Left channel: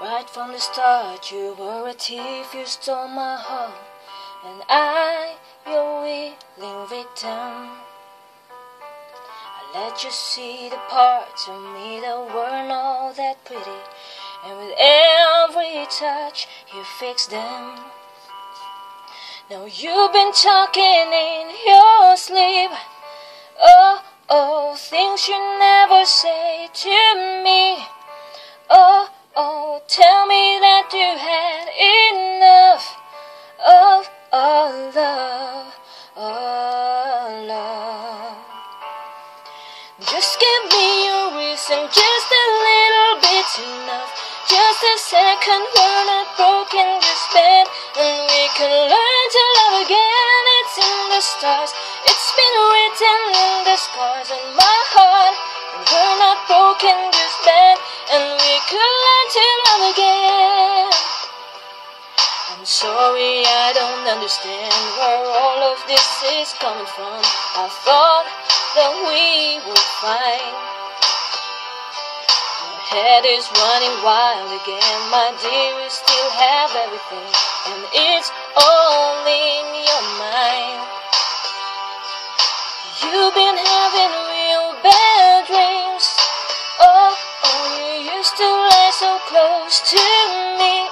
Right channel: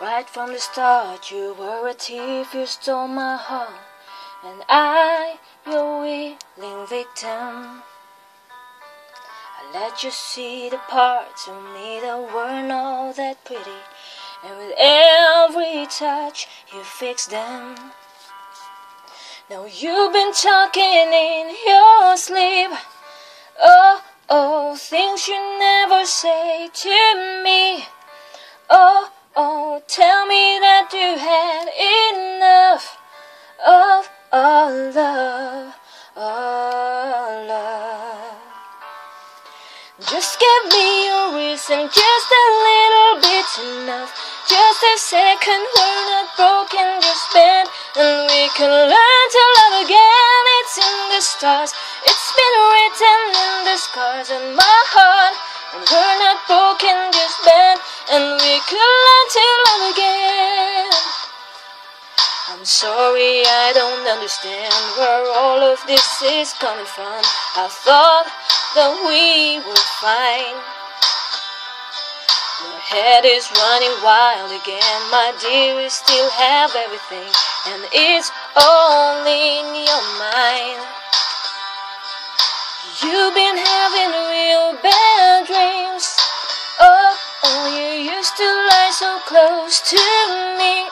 Right from the start, you were a thief, you stole my heart, and I, your willing victim. I let you see the parts of me that weren't all that pretty, and with every touch, you fixed them. Now you've been talking in your sleep. Oh, oh, things you never say to me. Oh, oh, tell me that you had enough of our love, our love. Just give me a reason, just a little bit's enough. Just a second, we're not broken, just bent, and we can learn to love again. It's in the stars, it's been written in the scars on my heart. And we're not broken, just bent, and we can learn to love again. I'm sorry, I don't understand where all of this is coming from. I thought that we were fine. Your head is running wild again, my dear, we still have everything, and it's all in your mind. You've been having real bad dreams. Oh, oh, you used to lie so close to me.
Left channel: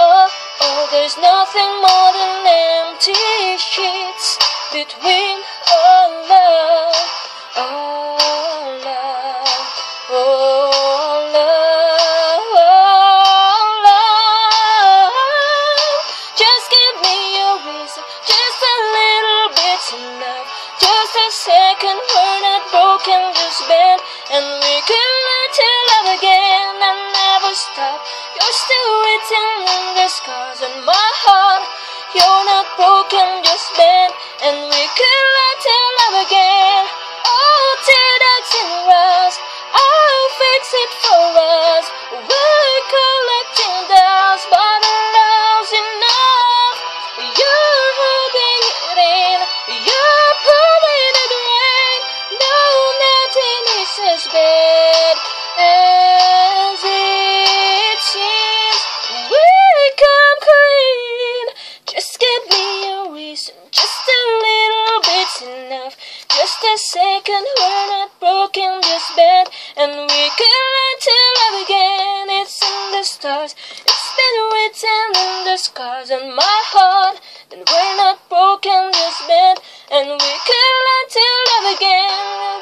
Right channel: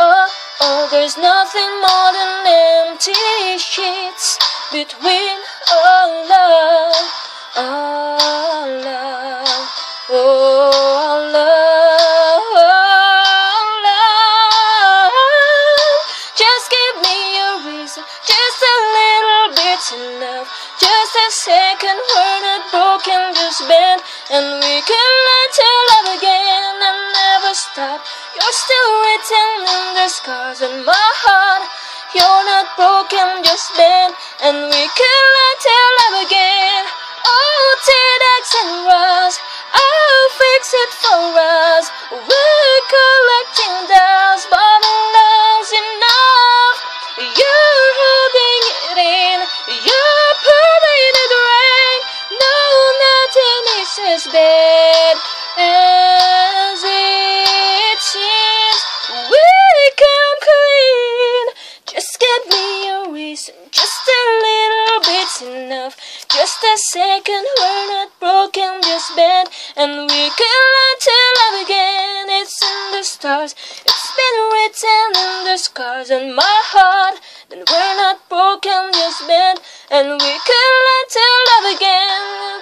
Oh, oh, there's nothing more than empty sheets between our love, our love, our love, our love. Just give me a reason, just a little bit's enough. Just a second, we're not broken, just bent, and we can learn to love again and never stop. You're still written in the scars on my heart. You're not broken, just bent, and we can learn to love again. Oh, T-Dex and Ross, I'll fix it for us. We're collecting dolls, but enough's enough. You're holding it in, you're proving it right. No, nothing is as bad as it seems. We come clean. Just give me a reason, just a little bit's enough. Just a second, we're not broken, just bent, and we can learn to love again. It's in the stars, it's been written in the scars on my heart. And we're not broken, just bent, and we can learn to love again.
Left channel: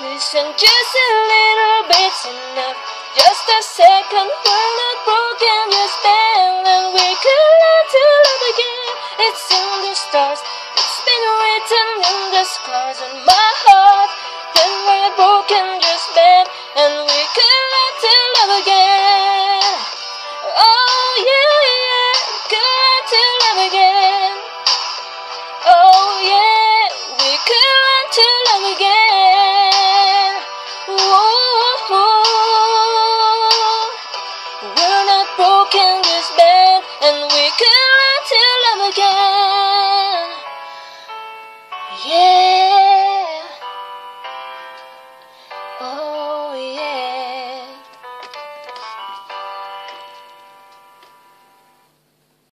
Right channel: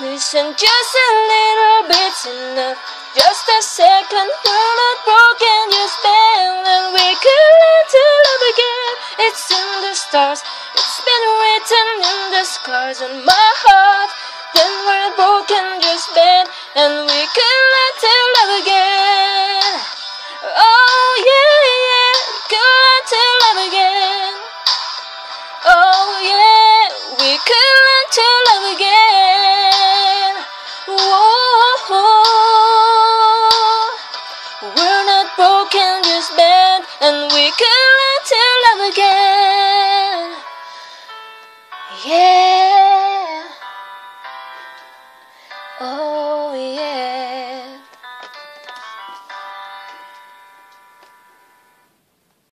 Listen, just a little bit's enough. Just a second, we're not broken, just bent, and we can learn to love again. It's in the stars, it's been written in the scars on my heart. Then we're broken, just bent, and we can learn to love again. Oh yeah, yeah, we can learn to love again. Oh yeah, we can learn to